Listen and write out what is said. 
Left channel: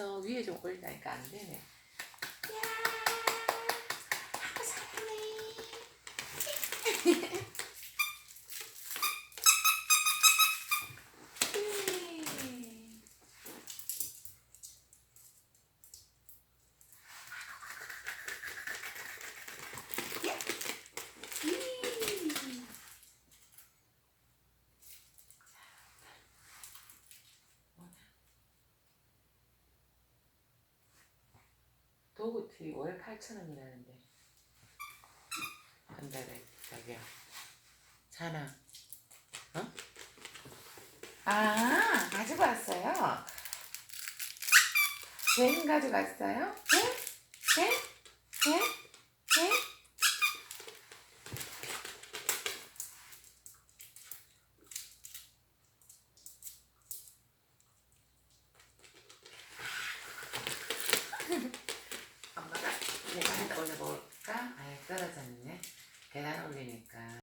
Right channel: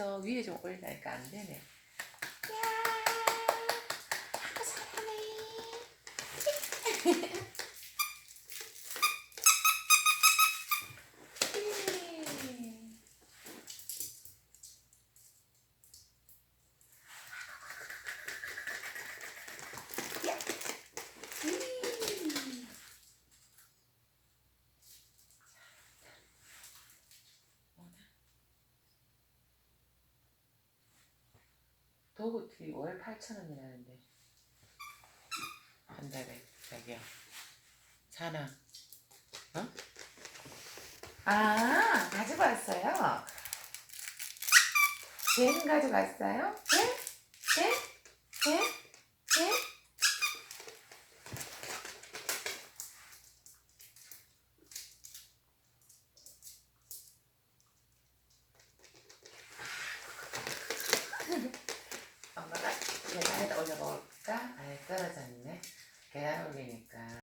저 위에 좀 올리니까 안 되네. 도구티 월 8,000원이라는데 한 달에 자기야. 사나? 어? 아, 가지고 왔어요? 쟤는 가져갔어요? 네? 네? 네? 네? 엄마가 계단에다 올려볼까? 아예 떨어졌네. 계단 올리니까.